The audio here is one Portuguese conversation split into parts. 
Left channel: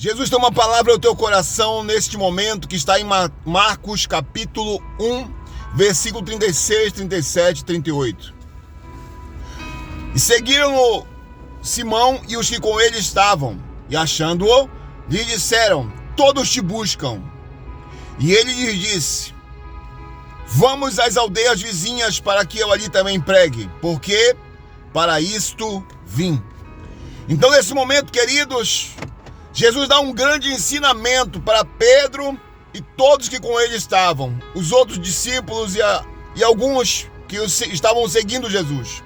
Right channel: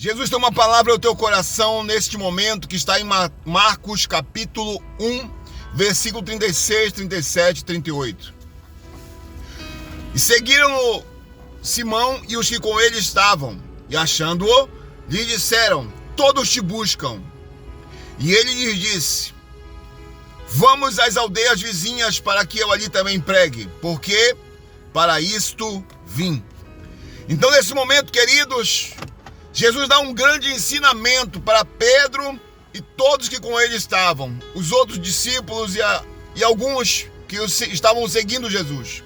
Jesus tem uma palavra ao teu coração neste momento que está em Marcos capítulo 1, versículo 36, 37 e 38. E seguiram-o Simão e os que com ele estavam, e achando-o, lhe disseram: todos te buscam. E ele lhes disse: vamos às aldeias vizinhas para que eu ali também pregue, porque para isto vim. Então, nesse momento, queridos, Jesus dá um grande ensinamento para Pedro e todos que com ele estavam, os outros discípulos e alguns que estavam seguindo Jesus.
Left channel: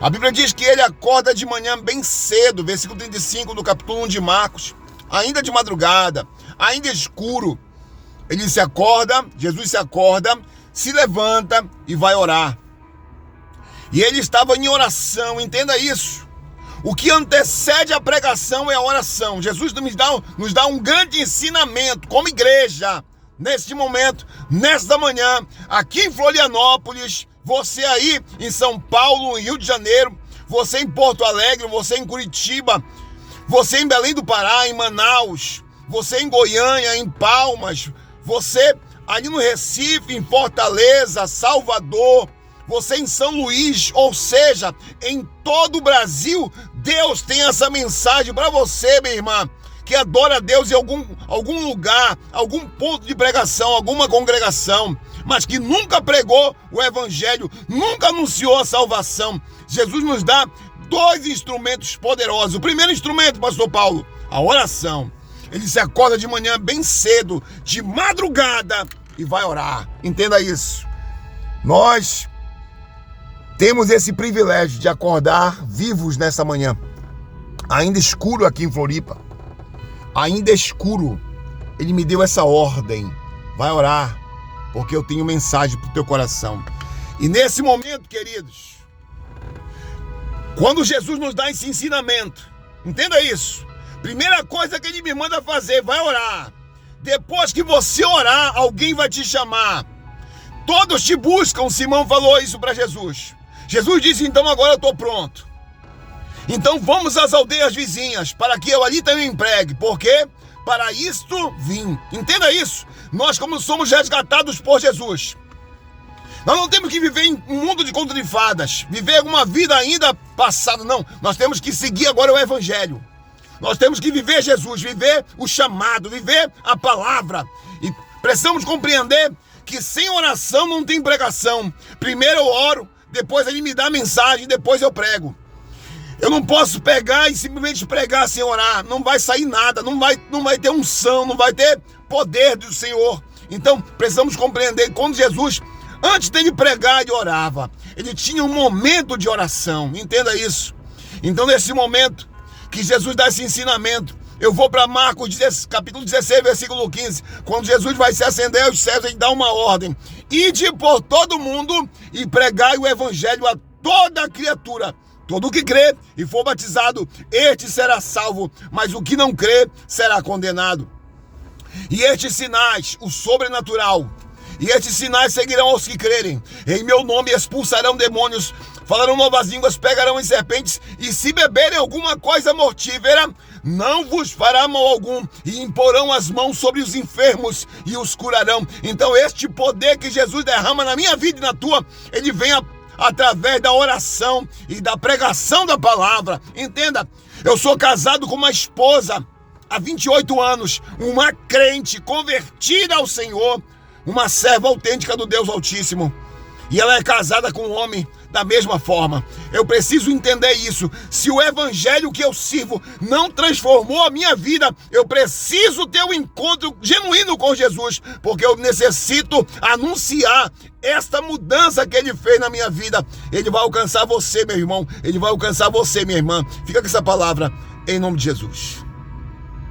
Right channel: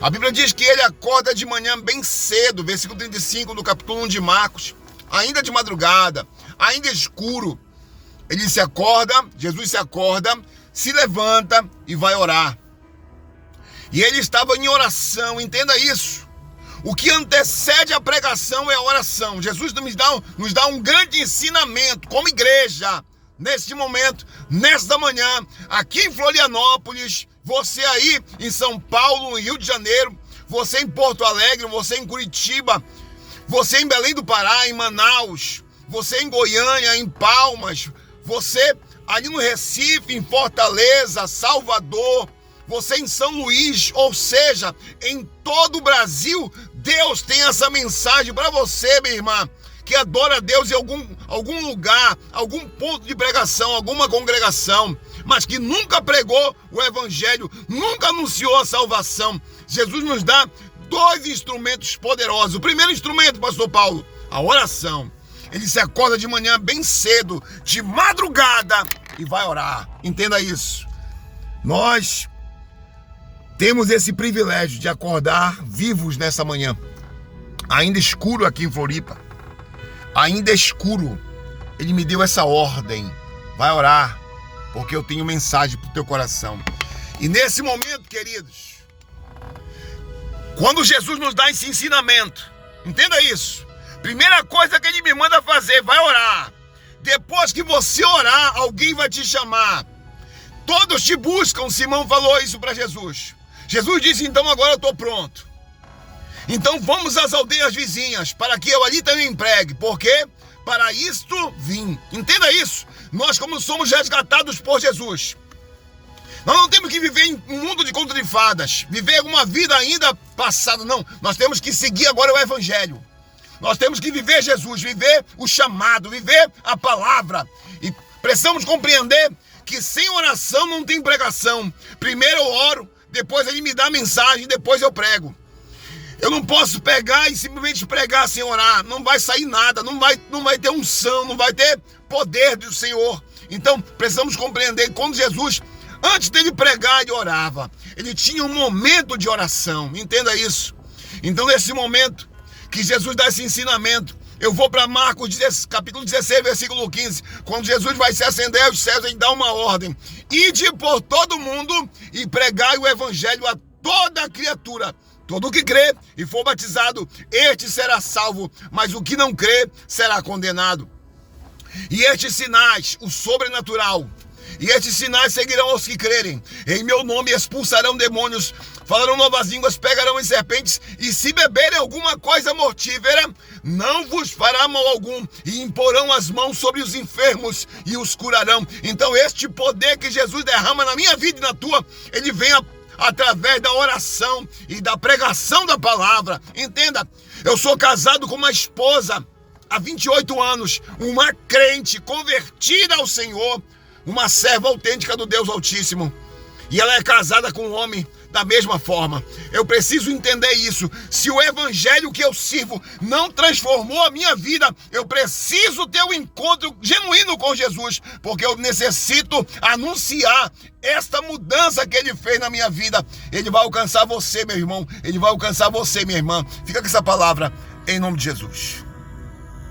A Bíblia diz que ele acorda de manhã bem cedo, versículo 35 do capítulo 1 de Marcos, ainda de madrugada, ainda escuro. Jesus se acorda, se levanta e vai orar. E ele estava em oração, entenda isso. O que antecede a pregação é a oração. Jesus nos dá um grande ensinamento como igreja, neste momento, nesta manhã, aqui em Florianópolis, você aí em São Paulo, em Rio de Janeiro, você em Porto Alegre, você em Curitiba, você em Belém do Pará, em Manaus, você em Goiânia, em Palmas, você ali no Recife, em Fortaleza, Salvador, você em São Luís, ou seja, em todo o Brasil, Deus tem essa mensagem para você, minha irmã, que adora a Deus em algum lugar, algum ponto de pregação, alguma congregação, mas que nunca pregou o evangelho, nunca anunciou a salvação. Jesus nos dá dois instrumentos poderosos. O primeiro instrumento, pastor Paulo, a oração. Ele se acorda de manhã bem cedo, de madrugada, e vai orar. Entenda isso. Nós temos esse privilégio de acordar vivos nessa manhã. Ainda escuro aqui em Floripa. Ainda escuro. Ele me deu essa ordem. Vai orar, porque eu tenho mensagem para o teu coração. E nesse momento, queridos, quando Jesus nos dá esse ensinamento, entenda isso. Primeira coisa que ele me manda fazer, vai orar. Depois que você orar, alguém vai te chamar. Todos te buscam, Simão falou isso para Jesus. Jesus disse: então agora eu estou pronto. Então vamos às aldeias vizinhas, para que eu ali também pregue, porque para isto vim. Entenda isso. Nós, como somos resgatados por Jesus, nós não temos que viver em um mundo de conto de fadas, viver uma vida ainda passada, não. Nós temos que seguir agora o evangelho. Nós temos que viver Jesus, viver o chamado, viver a palavra. E precisamos compreender que sem oração não tem pregação. Primeiro eu oro, depois ele me dá a mensagem, depois eu prego. Eu não posso pegar e simplesmente pregar sem orar. Não vai sair nada, não vai ter unção, não vai ter poder do Senhor. Então precisamos compreender que quando Jesus, antes dele pregar, ele orava. Ele tinha um momento de oração, entenda isso. Então nesse momento que Jesus dá esse ensinamento, eu vou para Marcos capítulo 16, versículo 15, quando Jesus vai se acender aos céus, ele dá uma ordem: ide por todo mundo e pregai o evangelho a toda criatura. Todo o que crê e for batizado, este será salvo, mas o que não crê será condenado. E estes sinais, o sobrenatural, e estes sinais seguirão aos que crerem. Em meu nome expulsarão demônios, falarão novas línguas, pegarão em serpentes, e se beberem alguma coisa mortífera, não vos fará mal algum, e imporão as mãos sobre os enfermos e os curarão. Então este poder que Jesus derrama na minha vida e na tua, ele vem através da oração e da pregação da palavra. Entenda, eu sou casado com uma esposa há 28 anos, uma crente convertida ao Senhor, uma serva autêntica do Deus Altíssimo. E ela é casada com um homem da mesma forma. Eu preciso entender isso. Se o evangelho que eu sirvo não transformou a minha vida, eu preciso ter um encontro genuíno com Jesus, porque eu necessito anunciar esta mudança que ele fez na minha vida. Ele vai alcançar você, meu irmão. Ele vai alcançar você, minha irmã. Fica com essa palavra em nome de Jesus.